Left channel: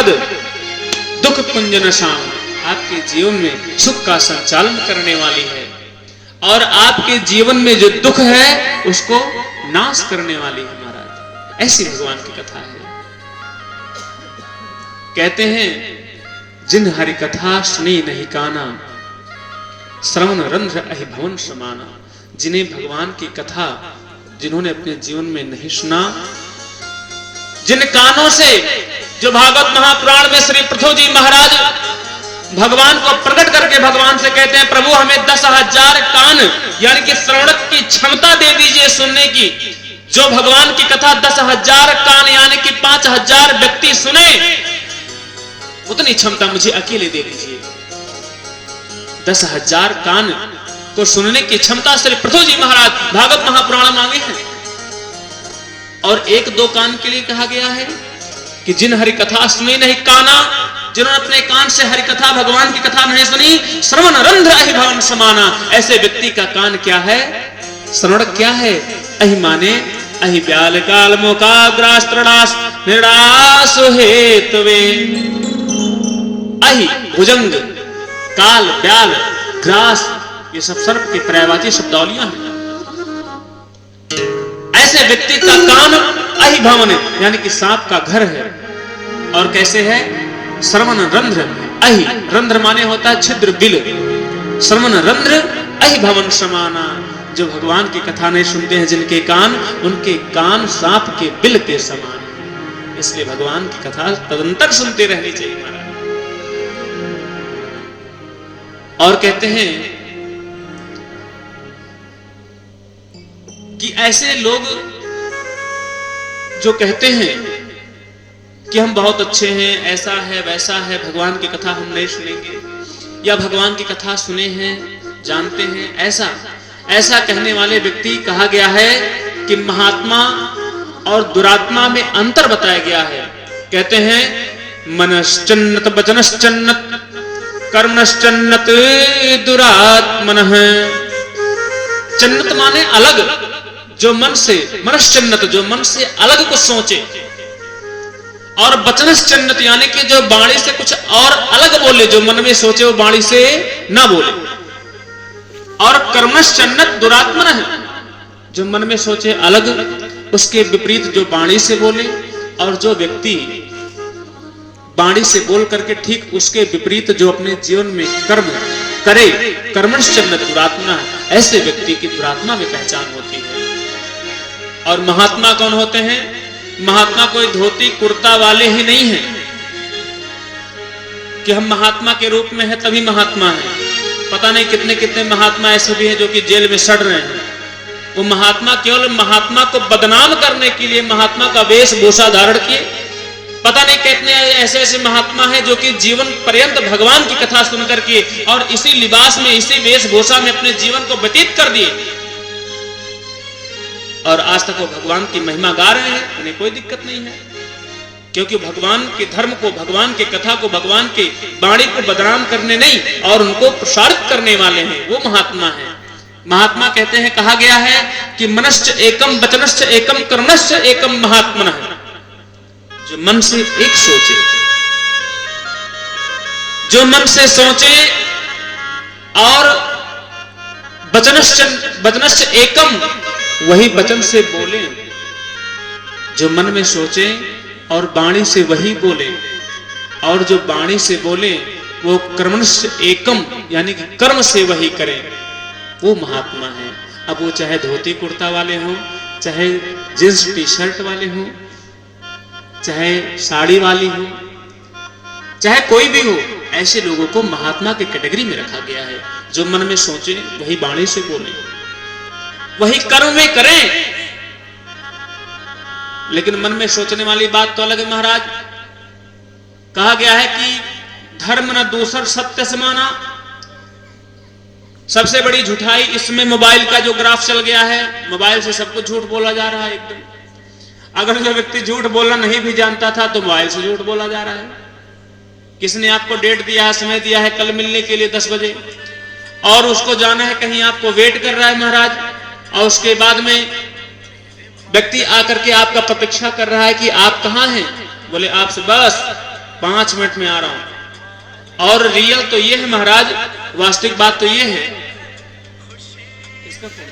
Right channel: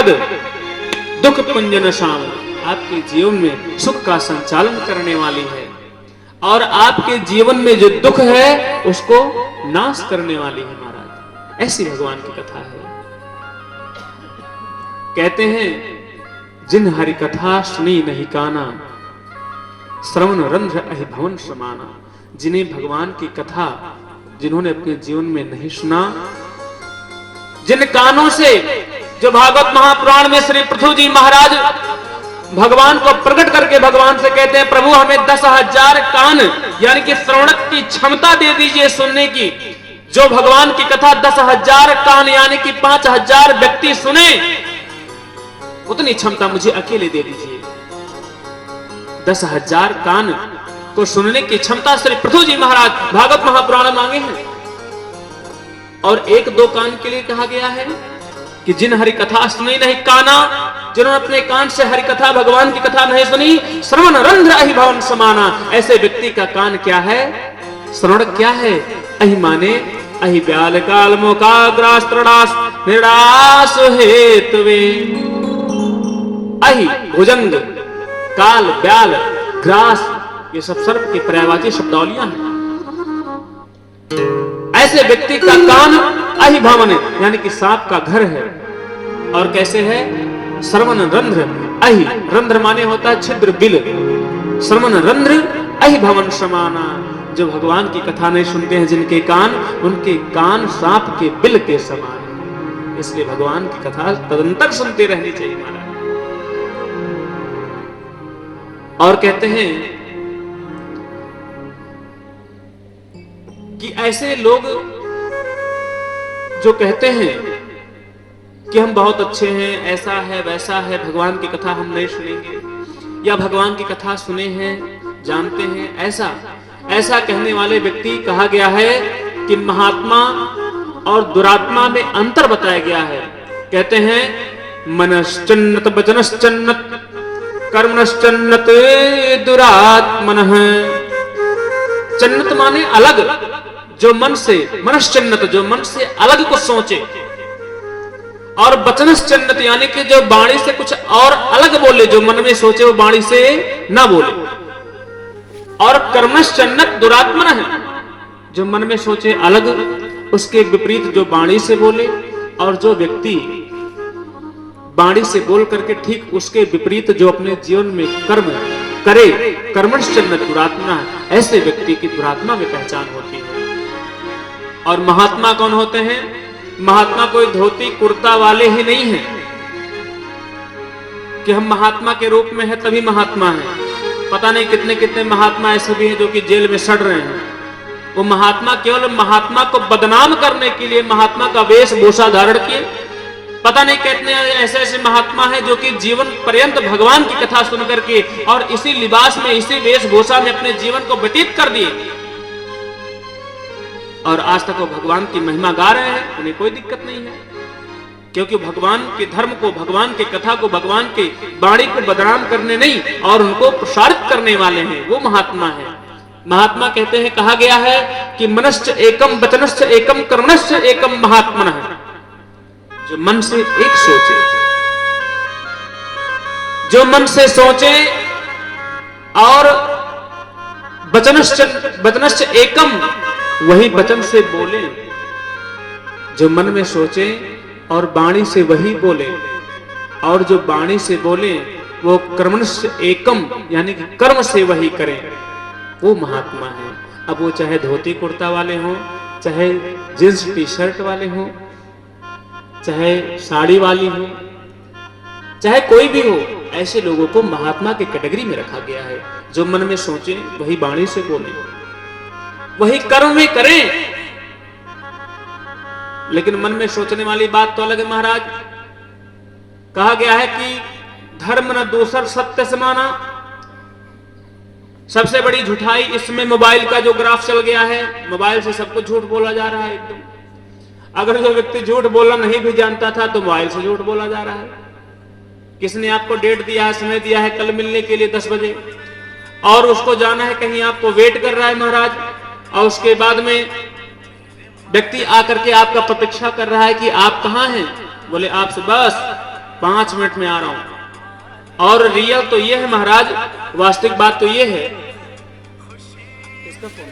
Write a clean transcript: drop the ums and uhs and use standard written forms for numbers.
सुखद दुख पुंजन शाम, आपके जीवन में सुख का संचालन करने वाली है और आपके जीवन में जो दुख है उसको नाश करने वाली है महाराज। ऐसी भगवान की कथा है। कहते हैं जिन हरि कथा सुनी नहीं काना, श्रवण रंध्र अहि भवन समाना। जिन्हें भगवान की कथा जिन्होंने अपने जीवन में नहीं सुना, जिन कानों से, जो भागवत महापुराण में श्री पृथु जी महाराज भगवान को प्रकट करके भगवान से कहते हैं प्रभु हमें 10,000 कान यानी कि श्रवण की क्षमता दे दीजिए सुनने की। जो भगवान की कथा 10,000 कान यानी कि 5,000 व्यक्ति सुने, उतनी क्षमता मुझे अकेले दे दीजिए। 10,000 कान को सुनने की क्षमता श्री पृथु जी महाराज भागवत महापुराण मांगे हैं। और 1-2 कान के लिए कहा गया है कि जिन हरि कथा सुनी नहीं काना, जिन्होंने अपने कान से हरि कथा भगवान की कथा नहीं सुनी, श्रवण रंध्र अहि भवन समाना। ऐसे व्यक्ति का कान क्या है, श्रवण क्या है, अहि माने अहि ब्याल काल मोकाग्रास त्रणास निरास हेतवे। अहि भुजंग, काल, ब्याल, ग्रास, ये सब सर्प की पर्यायवाची शब्दावलियां हैं। ऐसे व्यक्ति का कान अहि भवन यानी कि सांप का घर है। और कैसे है, श्रवण रंध्र अहि, रंध्र माने होता है छिद्र, बिल, श्रवण रंध्र अहि भवन समाना। जो भगवान की कथा नहीं सुनते हैं जिनके कान, उनके कान सांप के बिल के समान। इसलिए भगवान की कथा तदंतर सुनते रहनी चाहिए महाराज। और कहते हैं कि ऐसे लोग जो कहते हैं कि हम बहुत अच्छे हैं, ऐसा है वैसा है, भगवान की कथा हम नहीं सुनेंगे, या भगवान की कथा सुने हैं, जानते हैं, ऐसा कहने वाले व्यक्ति कहा गया है कि महात्मा और दुरात्मा में अंतर बताया गया है। कहते हैं मनश्चन्नत वचनश्चन्नत कर्मणश्चन्नत दुरात्मनः। चन्नत माने अलग, जो मन से, मनश्चन्नत जो मन से अलग कुछ सोचे, और वचनश्चन्नत यानी कि जो वाणी से कुछ और अलग बोले, जो मन में सोचे वो वाणी से ना बोले। और कर्मणश्चन्नत दुरात्मनः है, जो मन में सोचे अलग, उसके विपरीत जो वाणी से बोले, और जो व्यक्ति वाणी से बोल करके ठीक उसके विपरीत जो अपने जीवन में कर्म करे, कर्मणश्चन्नत दुरात्मा, ऐसे व्यक्ति की दुरात्मा में पहचान होती है। और महात्मा कौन होते हैं? महात्मा कोई धोती कुर्ता वाले ही नहीं है कि हम महात्मा के रूप में है तभी महात्मा है। पता नहीं कितने कितने महात्मा ऐसे भी हैं जो कि जेल में सड़ रहे हैं। वो महात्मा केवल महात्मा को बदनाम करने के लिए महात्मा का वेशभूषा धारण किए। पता नहीं कितने ऐसे ऐसे महात्मा हैं जो कि जीवन पर्यंत भगवान की कथा सुन करके और इसी लिबास में, इसी वेशभूषा में अपने जीवन को व्यतीत कर दिए, और आज तक वो भगवान की महिमा गा रहे हैं, उन्हें कोई दिक्कत नहीं है, क्योंकि भगवान के धर्म को, भगवान की कथा को, भगवान के वाणी को बदनाम करने नहीं और उनको प्रसारित करने वाले हैं, वो महात्मा है। महात्मा कहते हैं, कहा गया है कि मनश्च एकम वचनश्च एकम कर्मश्च एकम महात्मनः। जो मन से एक सोचे, जो मन से सोचे, और वचनश्च एकम, वही वचन से बोले। जो मन में सोचे और वाणी से वही बोले, और जो वाणी से बोले वो कर्मण्य एकम यानी कि कर्म से वही करें, वो महात्मा है। अब वो चाहे धोती कुर्ता वाले हों, चाहे जींस टी शर्ट वाले हों, चाहे साड़ी वाली हो, चाहे कोई भी हो, ऐसे लोगों को महात्मा की कैटेगरी में रखा गया है। जो मन में सोचे वही वाणी से बोले, वही कर्म में करें। लेकिन मन में सोचने वाली बात तो अलग है महाराज। कहा गया है कि धर्म न दूसर सत्य समाना। सबसे बड़ी झूठाई इसमें मोबाइल का जो ग्राफ चल गया है, मोबाइल से सब कुछ झूठ बोला जा रहा है एकदम। अगर जो व्यक्ति झूठ बोलना नहीं भी जानता था तो मोबाइल से झूठ बोला जा रहा है। किसने आपको डेट दिया है, समय दिया है कल मिलने के लिए 10 बजे, और उसको जाना है कहीं, आपको वेट कर रहा है महाराज, और उसके बाद में व्यक्ति आकर के आपका प्रतीक्षा कर रहा है कि आप कहां हैं। बोले आपसे बस 5 मिनट में आ रहा हूं। और रियल तो ये है महाराज, वास्तविक बात तो ये है, इसका फोन